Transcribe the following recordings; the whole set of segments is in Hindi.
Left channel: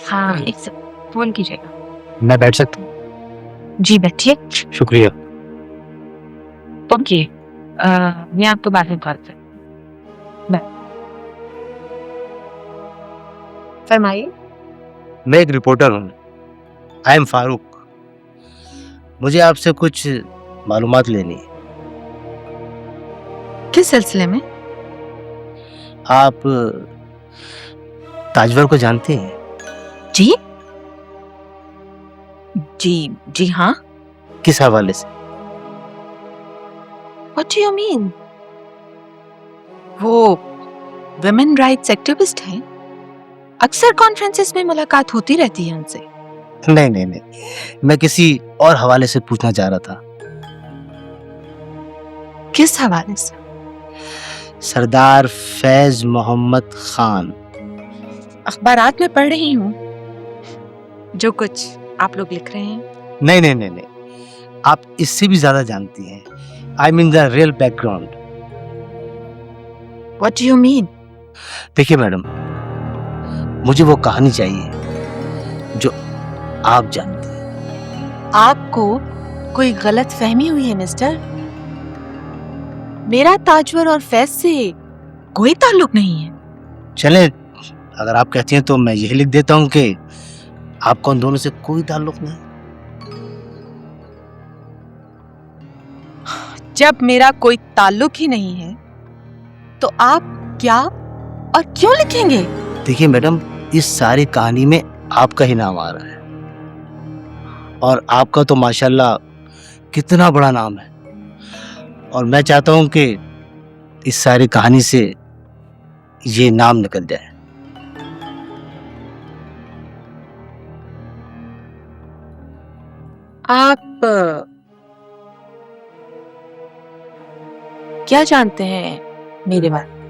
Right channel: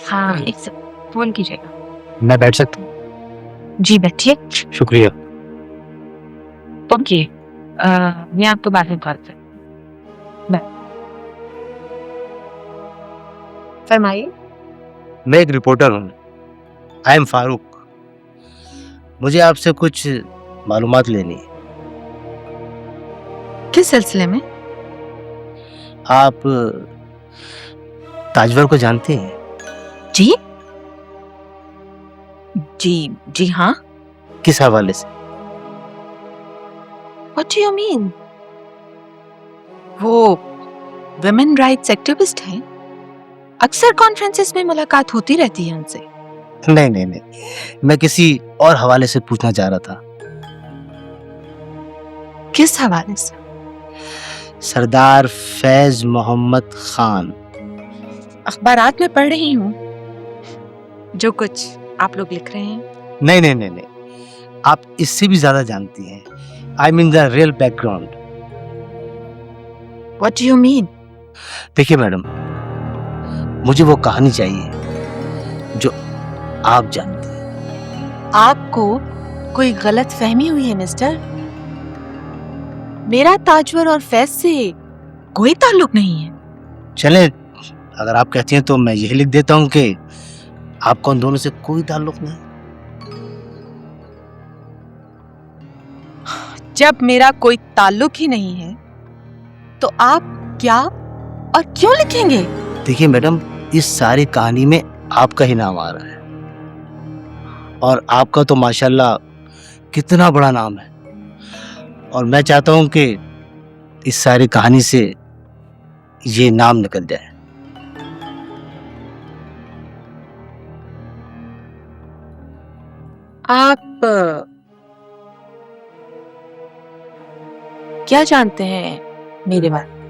हाँ, एक सेकंड, फोन कीजिएगा। मैं बैठ सकता हूँ? जी बैठिए। शुक्रिया। ओके, मैं आपको बाद में कॉल करती हूँ। फरमाइए। मैं एक रिपोर्टर हूँ, आई एम फारूक। मुझे आपसे कुछ मालूमात लेनी है। किस सिलसिले में? आप ताजवर को जानते हैं? जी जी जी हाँ। किस हवाले से? What do you mean? वो वुमेन राइट्स एक्टिविस्ट हैं। अक्सर कॉन्फ्रेंसेस में मुलाकात होती रहती है उनसे। नहीं नहीं नहीं, मैं किसी और हवाले से पूछना चाह रहा था। किस हवाले से? सरदार फैज मोहम्मद खान। अखबारात में पढ़ रही हूँ जो कुछ आप लोग लिख रहे हैं। नहीं नहीं नहीं नहीं, आप इससे भी ज्यादा जानती हैं। I mean the real background. What do you mean? देखिए मैडम, मुझे वो कहानी चाहिए जो आप जानते हैं। आपको कोई गलत फहमी हुई है मिस्टर। मेरा ताजवर और फैज से कोई ताल्लुक नहीं है। चलें, अगर आप कहती हैं तो मैं यही लिख देता हूँ कि आपको उन दोनों से कोई ताल्लुक नहीं। जब मेरा कोई ताल्लुक ही नहीं है तो आप क्या और क्यों लिखेंगे? देखिए मैडम, इस सारी कहानी में आपका ही नाम आ रहा है, और आपका तो माशाल्लाह कितना बड़ा नाम है, और मैं चाहता हूं कि इस सारी कहानी से ये नाम निकल जाए। आप क्या जानते हैं मेरे बारे में?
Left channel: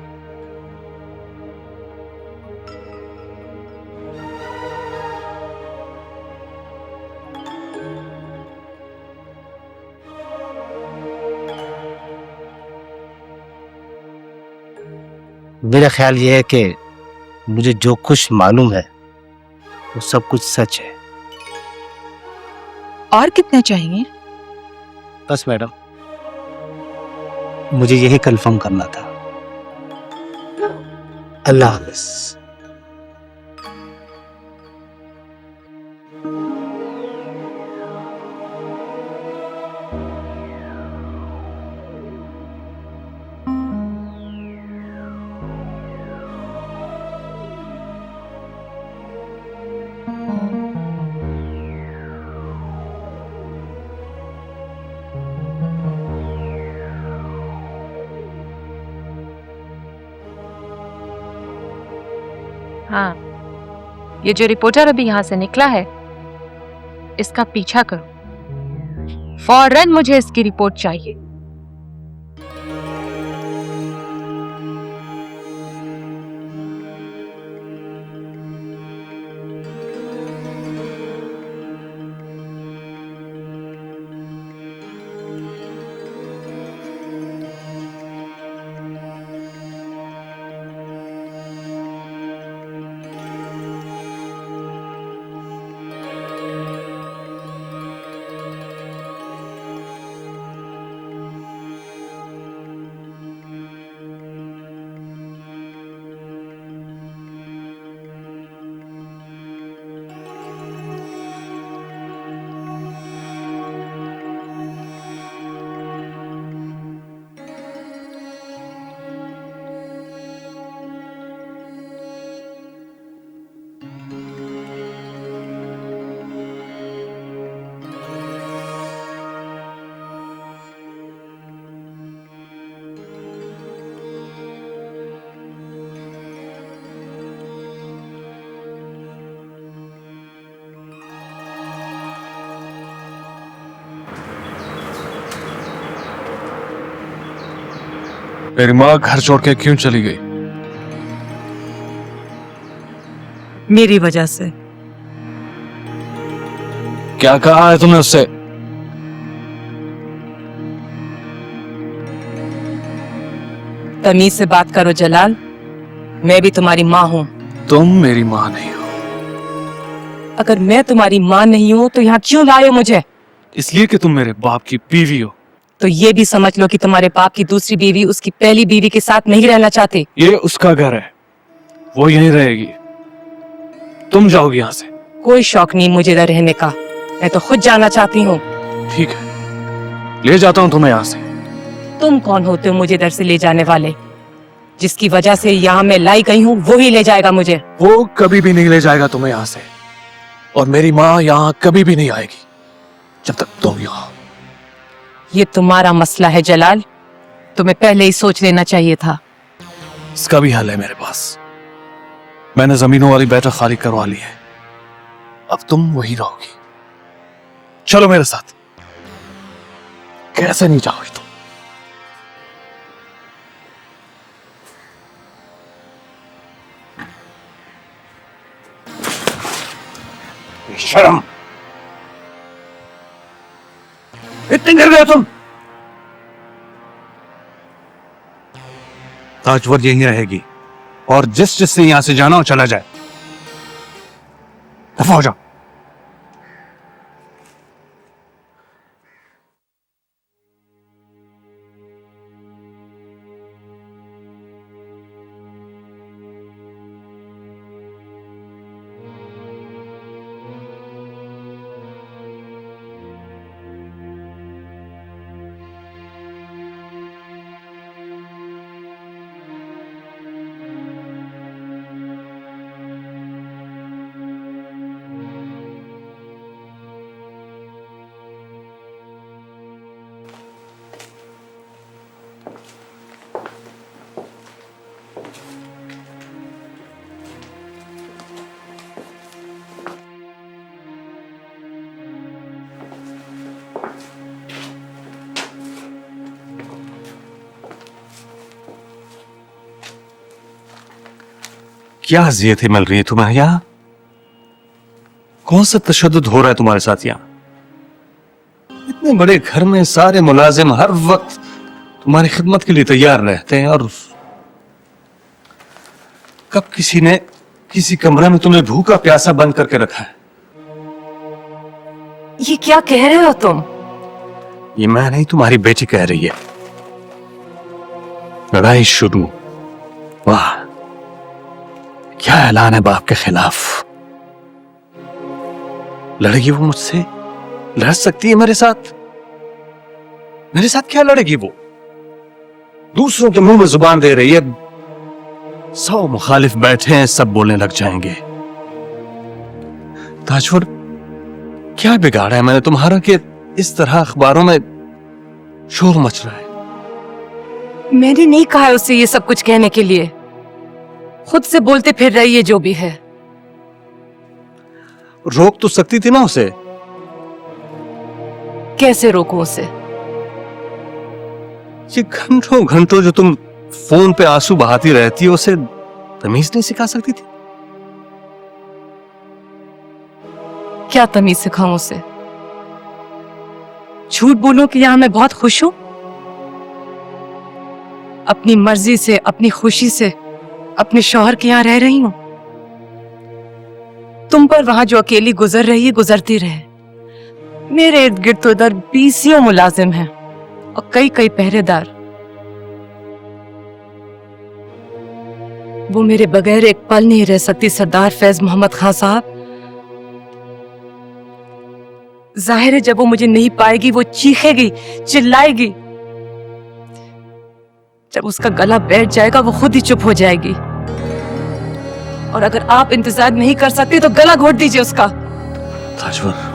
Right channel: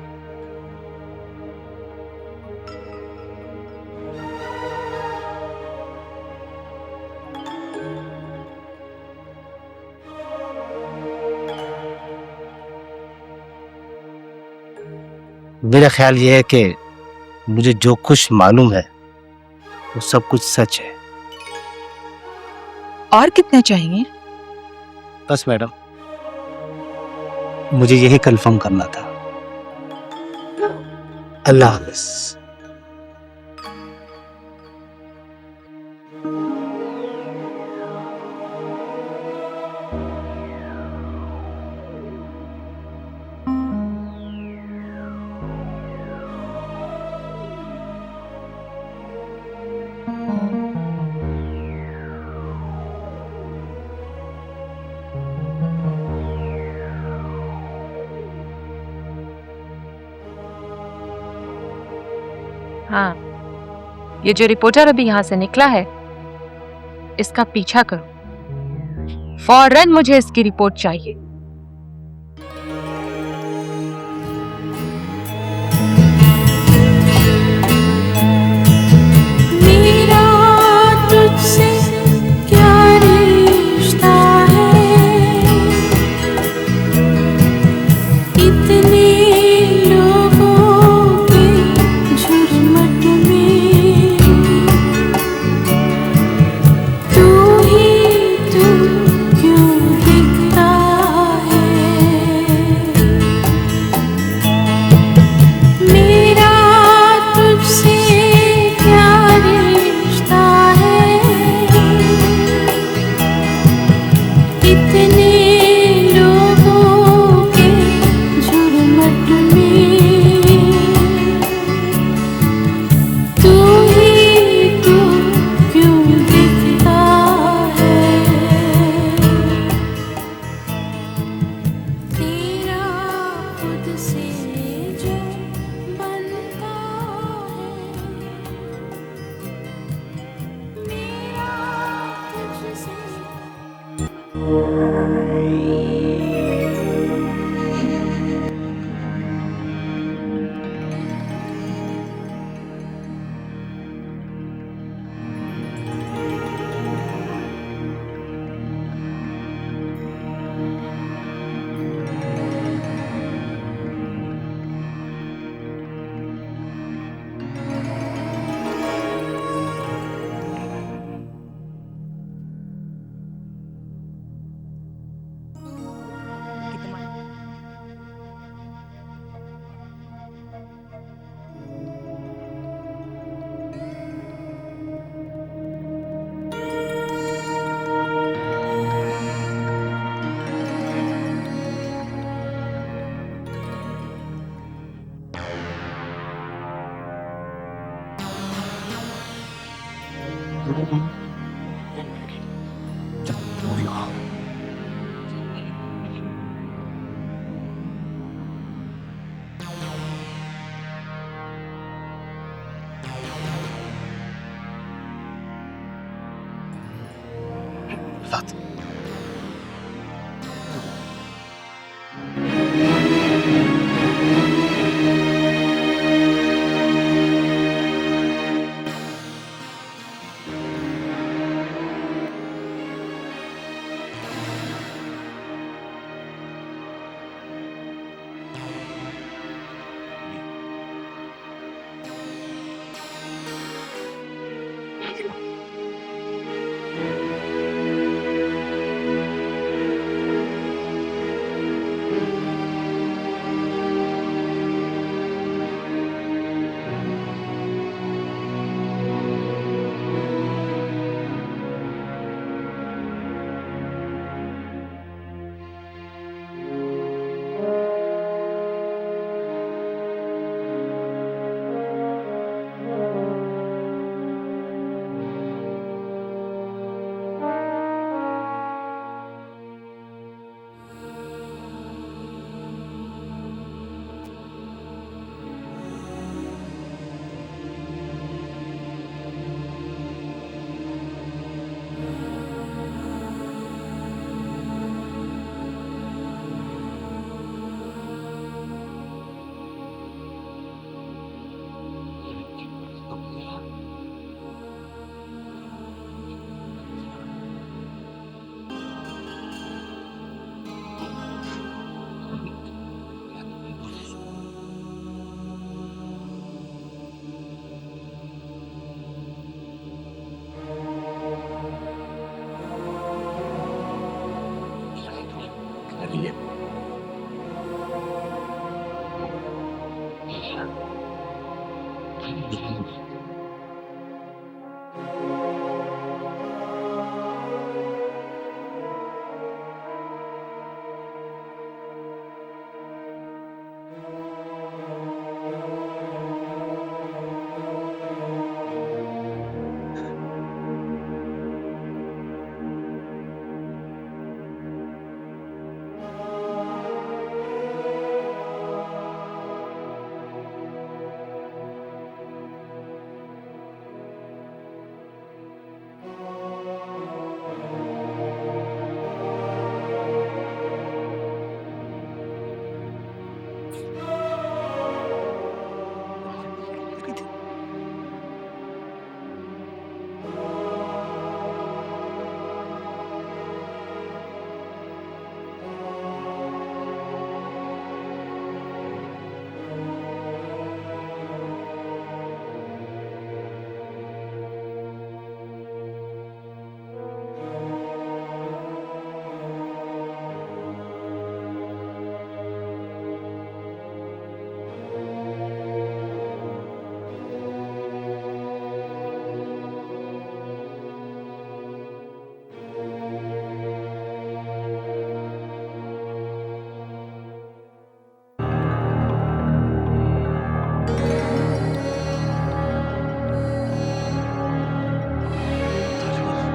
मेरा ख्याल ये है कि मुझे जो कुछ मालूम है वो सब कुछ सच है। और कितना चाहिए? बस मैडम, मुझे यही कंफर्म करना था। अल्लाह हाफ़िज़। हाँ, ये जो रिपोर्टर अभी यहाँ से निकला है इसका पीछा करो। फौरन मुझे इसकी रिपोर्ट चाहिए। मेरी माँ घर छोड़ के क्यों चली गई? मेरी वजह से। क्या कहा है तुमने उससे? तमीज से बात करो जलाल, मैं भी तुम्हारी माँ हूँ। तुम मेरी माँ नहीं हो। अगर मैं तुम्हारी माँ नहीं हूँ तो यहाँ क्यों लाए हो मुझे? इसलिए कि तुम मेरे बाप की बीवी हो। तो ये भी समझ लो कि तुम्हारे बाप की दूसरी बीवी उसकी पहली बीवी के साथ नहीं रहना चाहती। ये उसका घर है, वो यहीं रहेगी। तुम जाओगी यहाँ से। कोई शौक नहीं मुझे इधर रहने का, मैं तो खुद जाना चाहती हूँ। ठीक है, ले जाता हूँ तुम्हें यहाँ से। तुम कौन होते हो मुझे इधर से ले जाने वाले? जिसकी वजह से यहाँ मैं लाई गई हूँ वो ही ले जाएगा मुझे। वो कभी भी नहीं ले जाएगा तुम्हें यहाँ से, और मेरी माँ यहाँ कभी भी नहीं आएगी जब तक तुम यहाँ। ये तुम्हारा मसला है जलाल, तुम्हें पहले ही सोच लेना चाहिए था। इसका भी हल है मेरे पास। मैंने जमीनों वाली बैठक खाली करवा ली है, अब तुम वही रहोगी। चलो मेरे साथ। कैसे नहीं जाओगी तुम? शर्म, इतनी गिर गए तुम। ताजवर यहीं रहेगी और जिससे यहां से जाना हो चला जाए। दफा हो जाओ। क्या अजियतें मिल रही है तुम्हें यहाँ? कौन सा तशद्दुद हो रहा है तुम्हारे साथ यहाँ? इतने बड़े घर में सारे मुलाजिम हर वक्त तुम्हारी खिदमत के लिए तैयार रहते हैं, और कब किसी ने किसी कमरे में तुम्हें भूखा प्यासा बंद करके रखा है? ये क्या कह रहे हो तुम? ये मैं नहीं, तुम्हारी बेटी कह रही है। लड़ाई शुरू। वाह, क्या ऐलान है बाप के खिलाफ। लड़ेगी वो मुझसे? लड़ सकती है मेरे साथ? मेरे साथ क्या लड़ेगी वो? दूसरों के मुंह में जुबान दे रही है। 100 मुखालिफ बैठे हैं, सब बोलने लग जाएंगे। ताजवर, क्या बिगाड़ा है मैंने तुम्हारा कि इस तरह अखबारों में शोर मच रहा है? मैंने नहीं कहा है उसे ये सब कुछ कहने के लिए, खुद से बोलते फिर रही है जो भी है। रोक तो सकती थी ना उसे। कैसे रोको उसे? ये घंटों घंटों जो तुम फोन पे आंसू बहाती रहती हो, उसे तमीज नहीं सिखा सकती थी? क्या तमीज सिखाऊं उसे? झूठ बोलूं कि यहां मैं बहुत खुश हूं? अपनी मर्जी से, अपनी खुशी से अपने शौहर के यहां रह रही हूं। तुम पर वहां जो अकेली गुजर रही है गुजरती रहे। मेरे इर्द गिर्द तो इधर 20 मुलाजिम हैं और कई कई पहरेदार। वो मेरे बगैर एक पल नहीं रह सकती सरदार फैज मोहम्मद खान साहब। जाहिर है जब वो मुझे नहीं पाएगी वो चीखेगी, चिल्लाएगी। जब उसका गला बैठ जाएगा वो खुद ही चुप हो जाएगी। और अगर आप इंतजार नहीं कर सकते तो गला घोट दीजिए उसका। ताजवर,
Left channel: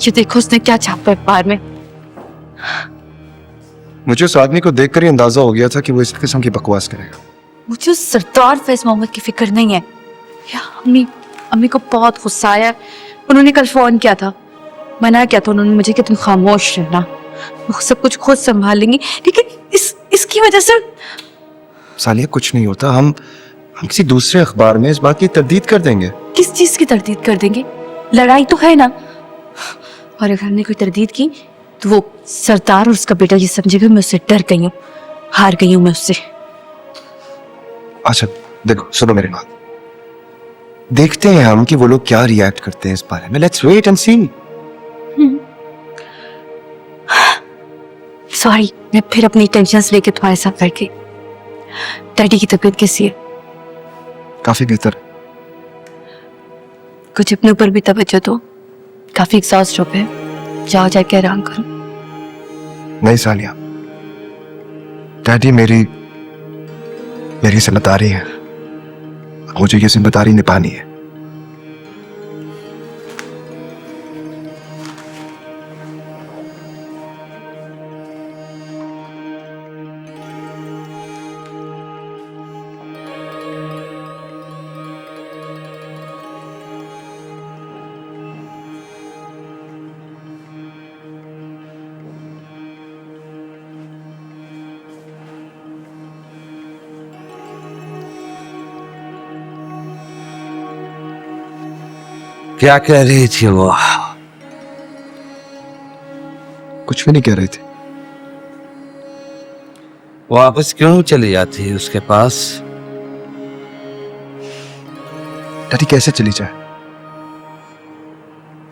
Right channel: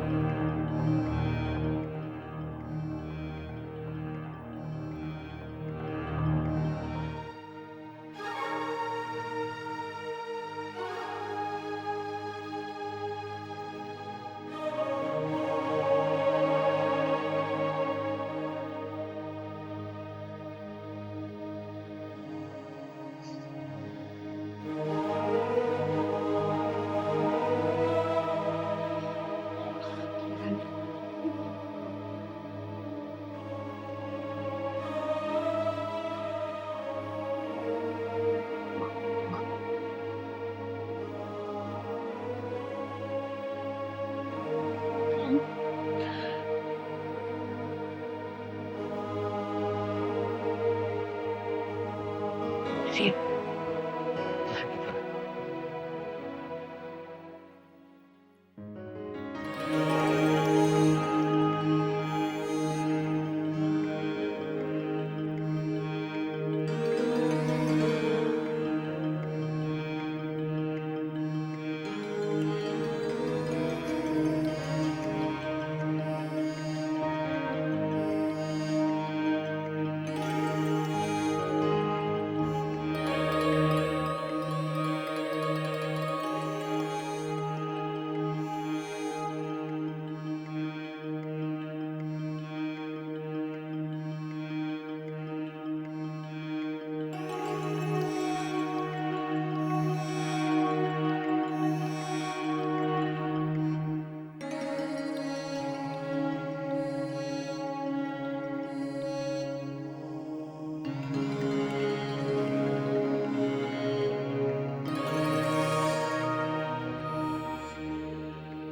ये देखो उसने क्या छापा अखबार में। मुझे उस आदमी को देखकर ही अंदाजा हो गया था कि वो इस किस्म की बकवास करेगा। मुझे उस सरदार फैज मोहम्मद की फिक्र नहीं है। या अम्मी को बहुत गुस्सा आया। उन्होंने कल फोन किया था, मना किया था उन्होंने मुझे कि तुम खामोश रहना। वो सब कुछ खुद संभाल लेंगी, लेकिन इसकी वजह से सालिया कुछ नहीं होता, हम किसी दूसरे अखबार में इस बात की तरदीद कर देंगे। किस चीज की तरदीद कर देंगे? लड़ाई तो है ना, और अगर हमने कोई तरदीद की तो वो सरदार और उसका बेटा ये समझेगा मैं उससे डर गई हूँ, हार गई हूँ मैं उससे। अच्छा देखो, सुनो मेरी बात, देखते हैं हम कि वो लोग क्या रिएक्ट करते हैं इस बारे में। Let's wait and see. Sorry, मैं फिर अपनी टेंशन्स लेके तुम्हारे साथ बैठ गई। डैडी की तबीयत कैसी है? काफी बेहतर। कुछ अपने ऊपर भी तवज्जो दो, काफी एग्जॉस्ट हो गए, जाओ जाके आराम करो। नहीं सालिया, डैडी मेरी जिम्मेदारी है, मुझे ये जिम्मेदारी निभानी है। क्या कह रही थी वो? कुछ भी नहीं कह रही थी। वापस क्यों चली जाती है उसके पास? डैडी कैसे चली जाए?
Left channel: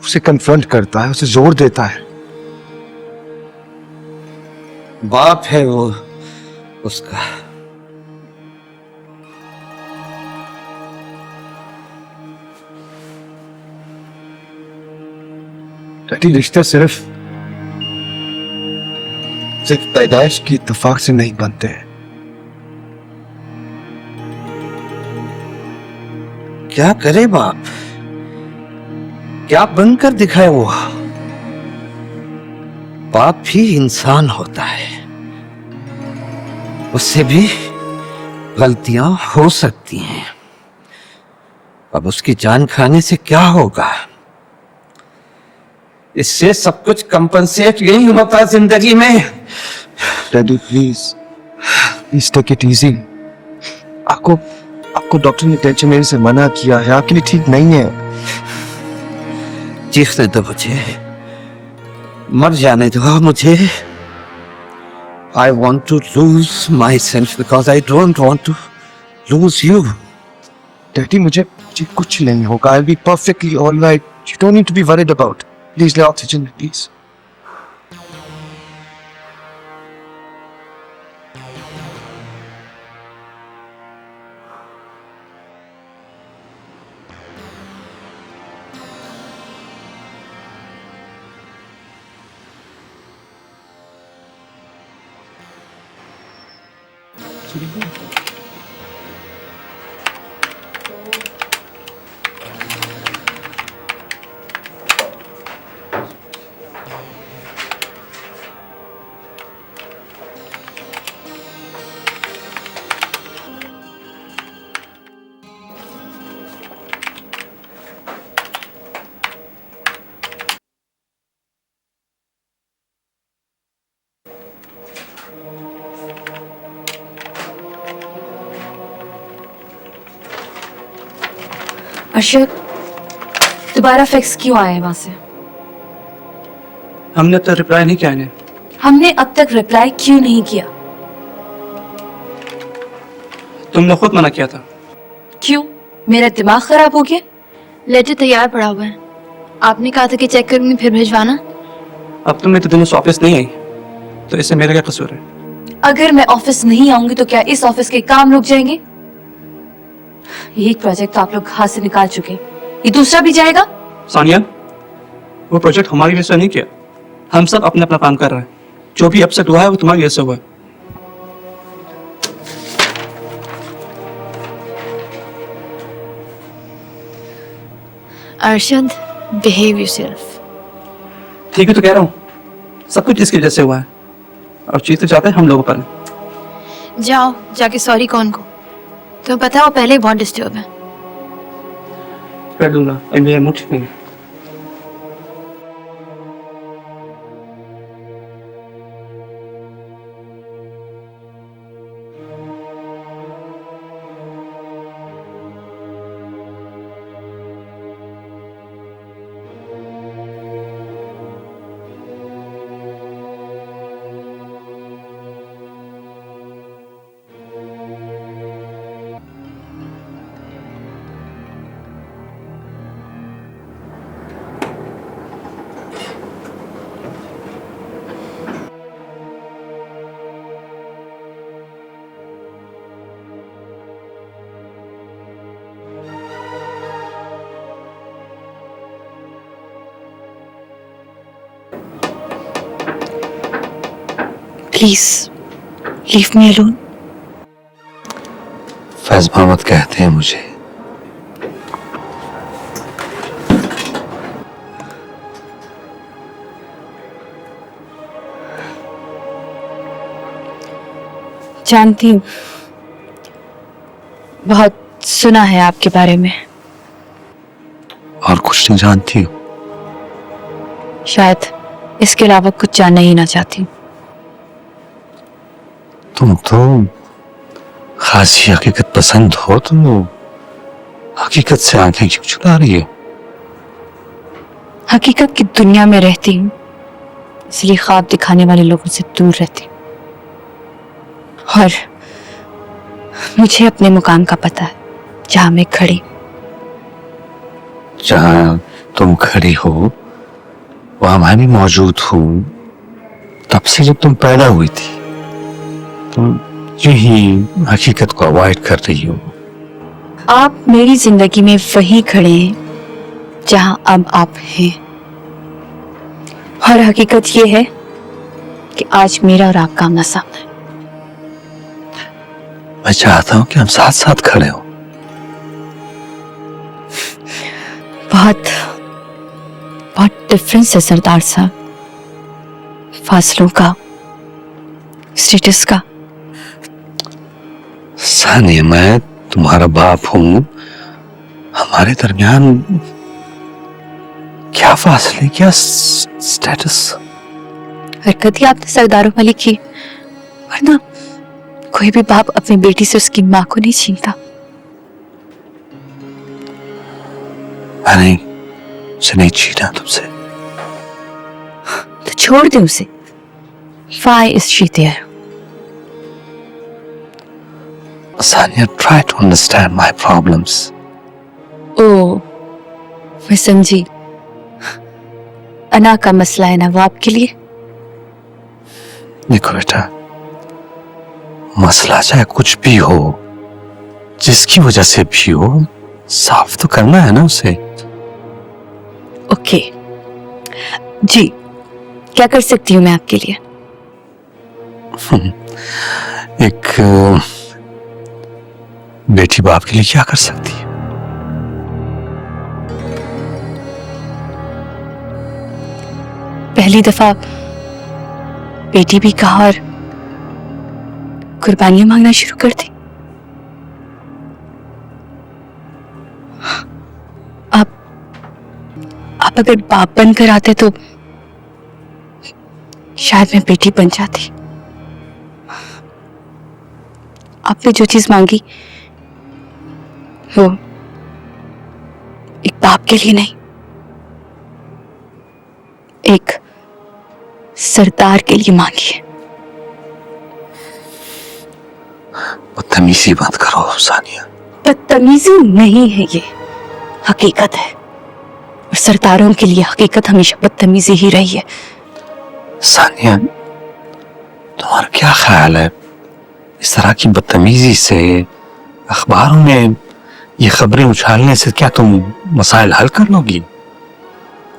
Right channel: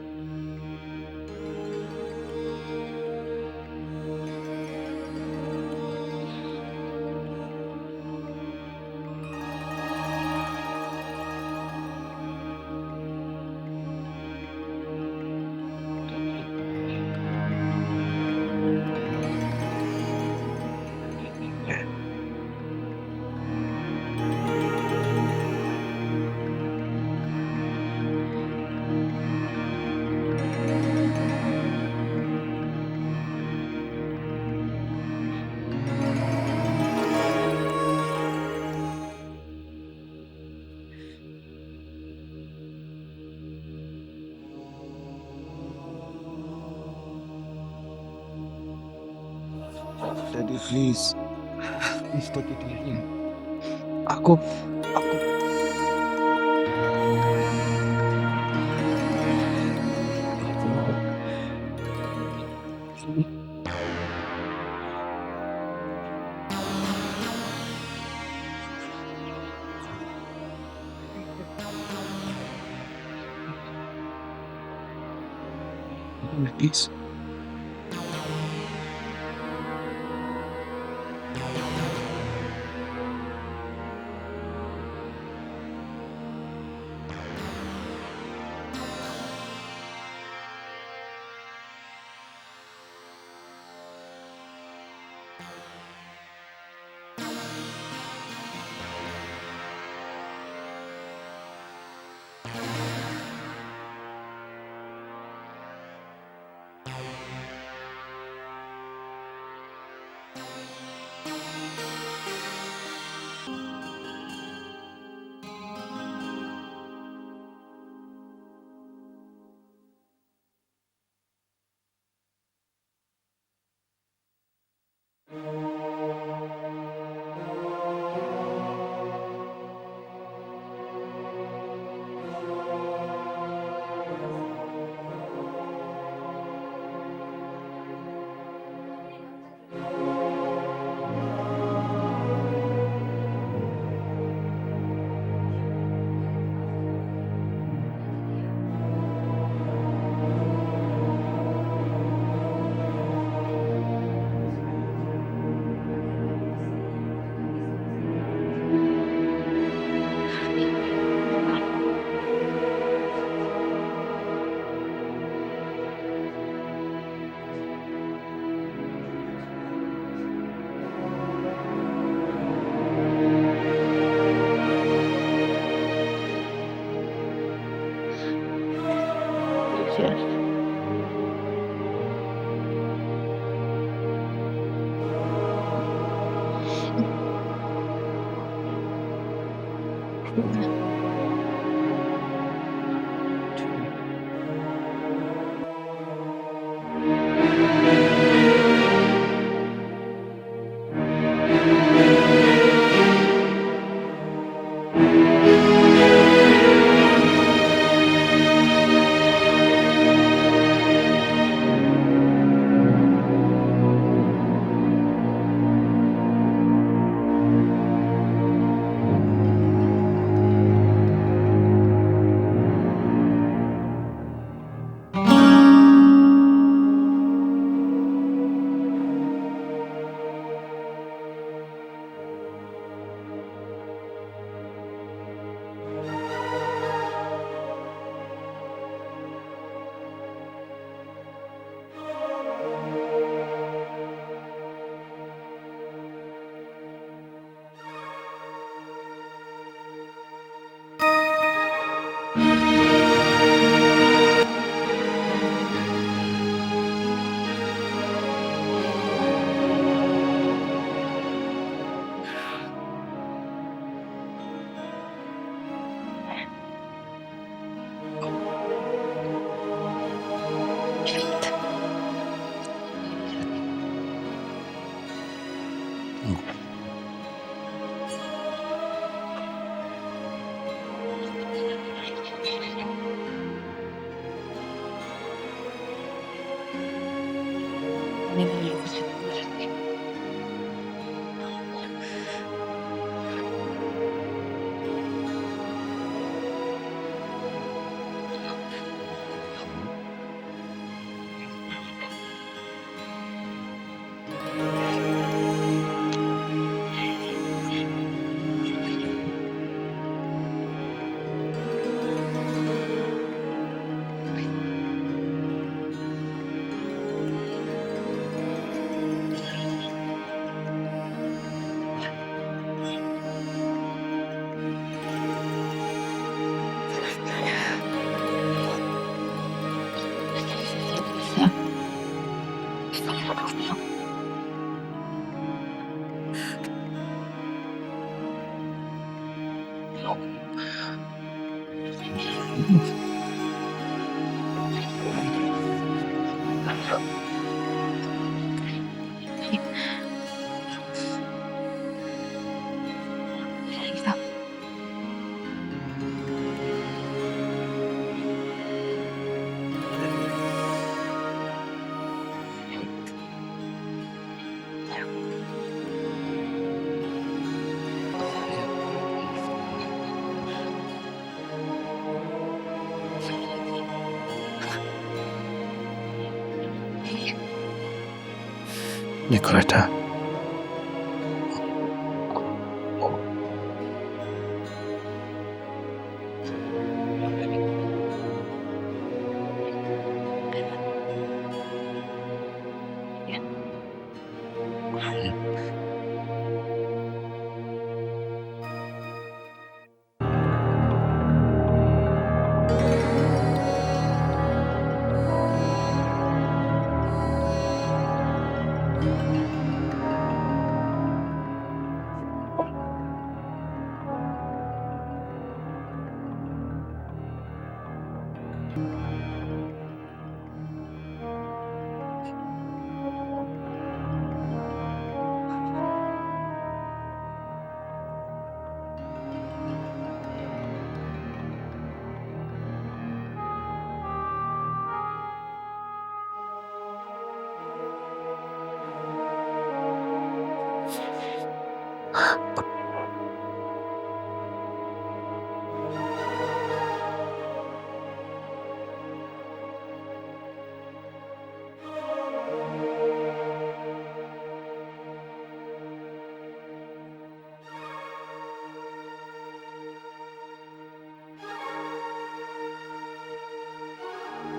उसे कन्फ्रंट करता है, उसे जोर देता है। बाप है वो उसका। डैडी रिश्ते सिर्फ पैदाइश की इत्तेफाक से नहीं बनते हैं। क्या करे बाप, क्या बनकर दिखाए वो? बाप भी इंसान होता है, उससे भी गलतियां हो सकती हैं। अब उसकी जान खाने से क्या होगा? इससे सब कुछ कंपनसेट नहीं होता जिंदगी में। Daddy please take it easy. आपको डॉक्टर ने टेंशन लेने से मना किया है, आपके लिए ठीक नहीं है। चीखने दो मुझे, मर जाने दो मुझे। I want to lose myself because I don't want to lose you. Daddy मुझे कुछ नहीं होगा। I'll be perfectly all right. You don't need to be worried about. Please let oxygen, please. Arshad, दोबारा फैक्स क्यों आए वहां से? हमने तो रिप्लाई नहीं किया इन्हें। हमने अब तक रिप्लाई क्यों नहीं किया? तुमने खुद मना किया था। क्यों? मेरा दिमाग खराब हो गया? लेटर तैयार पड़ा हुआ है, आपने कहा था कि चेक करूंगी फिर भिजवाना। अब तुम इतने दिनों से ऑफिस नहीं आई तो इससे मेरा क्या कसूर है? अगर मैं ऑफिस नहीं आऊंगी तो क्या इस ऑफिस के काम रुक जाएंगे? ये प्रोजेक्ट तो आप लोग हाथ से निकाल चुके हैं, ये दूसरा भी जाएगा। सानिया, वो प्रोजेक्ट हमारी वजह से नहीं किया, हम सब अपना अपना काम कर रहे हैं। जो भी अपसेट हुआ है वो तुम्हारी वजह से हुआ है। Arshad, behave yourself. ठीक है तो कह रहा हूँ, सब कुछ इसकी वजह से हुआ है और चीज तो जाता है हम लोगों पर। जाओ जाके सॉरी कौन को, तुम्हें पता है वो पहले ही बहुत डिस्टर्ब है। कर दूंगा, मेरा मुझ नहीं है। Please leave me alone. Faiz Mohammad कहते हैं मुझे। जानती हूँ, बहुत सुना है आपके बारे में। और कुछ नहीं जानती हूँ। शायद इसके अलावा कुछ जानना ही ना चाहती हूँ। तुम तो खासी हकीकत पसंद हो, तो हकीकत से आंखें क्यों चुरा रही हो? हकीकत की दुनिया में रहती हूँ, इसलिए ख्वाब दिखाने वाले लोगों से दूर रहती हूँ। और मुझे अपने मुकाम का पता है, जहां मैं खड़ी। जहां तुम खड़ी हो वहां मैं भी मौजूद हूँ। तब से जब तुम पैदा हुई थी तुम यही हकीकत को अवॉइड कर रही हो। आप मेरी जिंदगी में वही खड़े हैं जहां अब आप हैं। और हकीकत ये है कि आज मेरा और आपका आमना सामना है। मैं चाहता हूं कि हम साथ साथ खड़े हो। बहुत बहुत डिफरेंस है सरदार साहब, फासलों का, स्टेटस का। सानिया, मैं तुम्हारा बाप हूं। हमारे दरमियान क्या फासले, क्या स्टेटस। हरकत ही आपने सरदारों वाली की, वरना कोई भी बाप अपनी बेटी से उसकी माँ को नहीं छीनता। मैंने उसे नहीं छीना तुमसे। तो छोड़ दे उसे। Why is she there? Sania, try to understand my problems. ओह, मैं समझी। अना का मसला है ना वो आपके लिए। देखो बेटा, मसला चाहे कुछ भी हो, जिसकी वजह से भी हो, साफ तो करना है ना उसे। ओके जी, क्या कर सकती हूँ मैं आपके लिए? एक बेटी बाप के लिए क्या कर सकती है? पहली दफा बेटी भी कहा और कुर्बानियां मांगना शुरू कर दी। आप अगर बाप बनकर आते तो शायद मैं बेटी बन जाती। आपने जो चीज मांगी वो एक बाप के लिए नहीं, एक सरदार के लिए मांगी है। बदतमीजी बंद करो सानिया। बदतमीजी नहीं है, ये हकीकत है। और सरदारों के लिए हकीकत हमेशा बदतमीजी ही रही है। सानिया, तुम्हारा क्या ख्याल है, इस तरह की बदतमीजी से अखबारों में ये खबरें उछालने से क्या तुम मसाइल हल कर लोगी,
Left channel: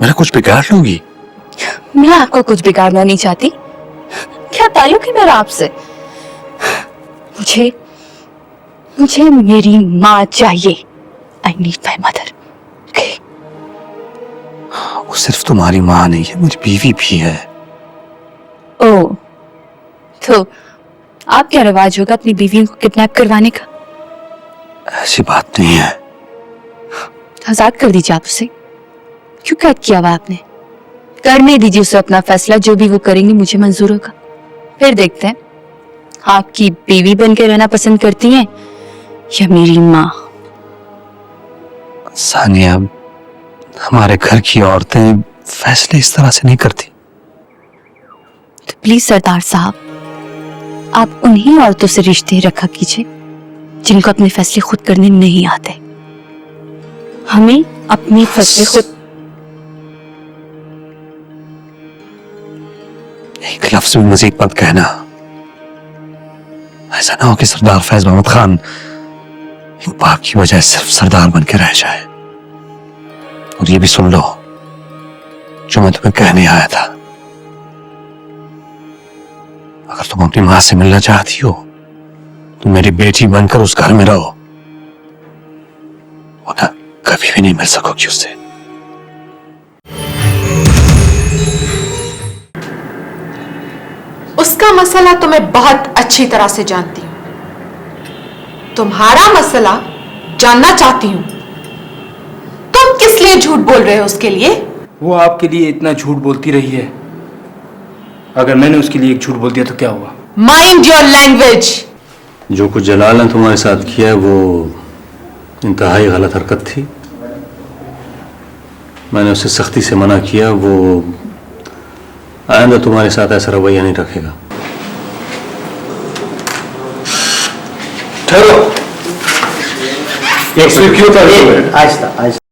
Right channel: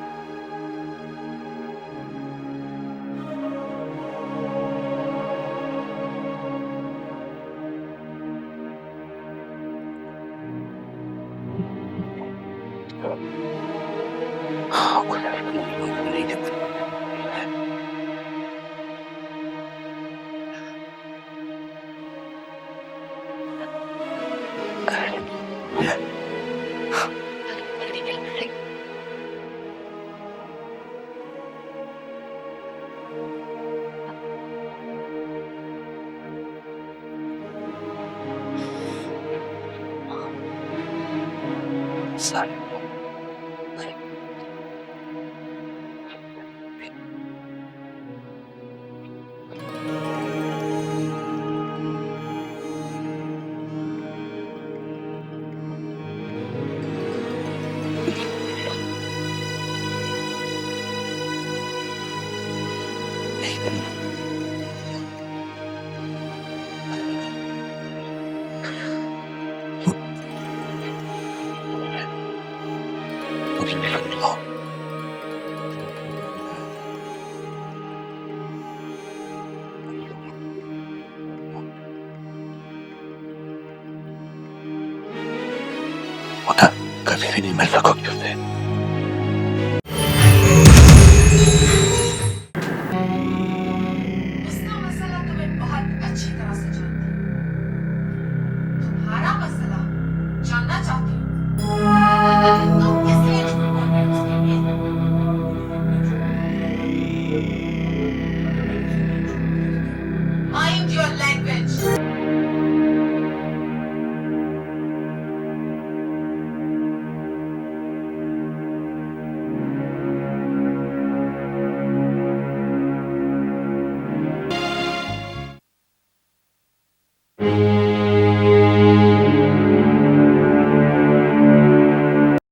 मेरा कुछ बिगाड़ लोगी? मैं आपको कुछ बिगाड़ना नहीं चाहती। क्या ताल्लुक है मेरा आपसे? मुझे मेरी माँ चाहिए। I need my mother. वो सिर्फ तुम्हारी माँ नहीं है, मेरी बीवी भी है। ओह, तो आप क्या रिवाज होगा अपनी बीवियों को किडनैप करवाने का? ऐसी बात नहीं है। आजाद कर दीजिए आप उसे। क्यों कैद किया हुआ आपने? करने दीजिए उसे अपना फैसला, जो भी वो करेंगे मुझे मंजूर होगा। फिर देखते हैं आपकी बीवी बन के रहना पसंद करती हैं या मेरी माँ। सानिया, हमारे घर की औरतें फैसले इस तरह से नहीं करती। तो प्लीज सरदार साहब, आप उन्हीं औरतों से रिश्ते रखा कीजिए जिनको अपने फैसले खुद करने नहीं आते। हमें अपने फैसले खुद। एक लफ्ज भी मजीद मत कहना। ऐसा ना हो कि सरदार फैज मोहम्मद खान बाप की वजह सिर्फ सरदार बन के रह जाए। और ये भी सुन लो जो मैं तुम्हें कहने आया था। अगर तुम अपनी मां से मिलना चाहती हो तो मेरी बेटी बनकर उस घर में रहो, वरना कभी भी नहीं मिल सकोगी उससे। उसका मसला तो मैं बहुत अच्छी तरह से जानती हूं। तुम्हारा मसला जानना चाहती हूं। तुम किस लिए झूठ बोल रहे हो उसके लिए? वो आपके लिए इतना झूठ बोलती रही है, अगर मैंने उसके लिए एक झूठ बोल दिया तो क्या हुआ? Mind your language. जो कुछ जलाल ने तुम्हारे साथ किया वो इंतहाई गलत हरकत थी। मैंने उसे सख्ती से मना किया, वो आइंदा तुम्हारे साथ ऐसा रवैया नहीं रखेगा। ठहरो, क्यों आहिस्ता आहिस्ता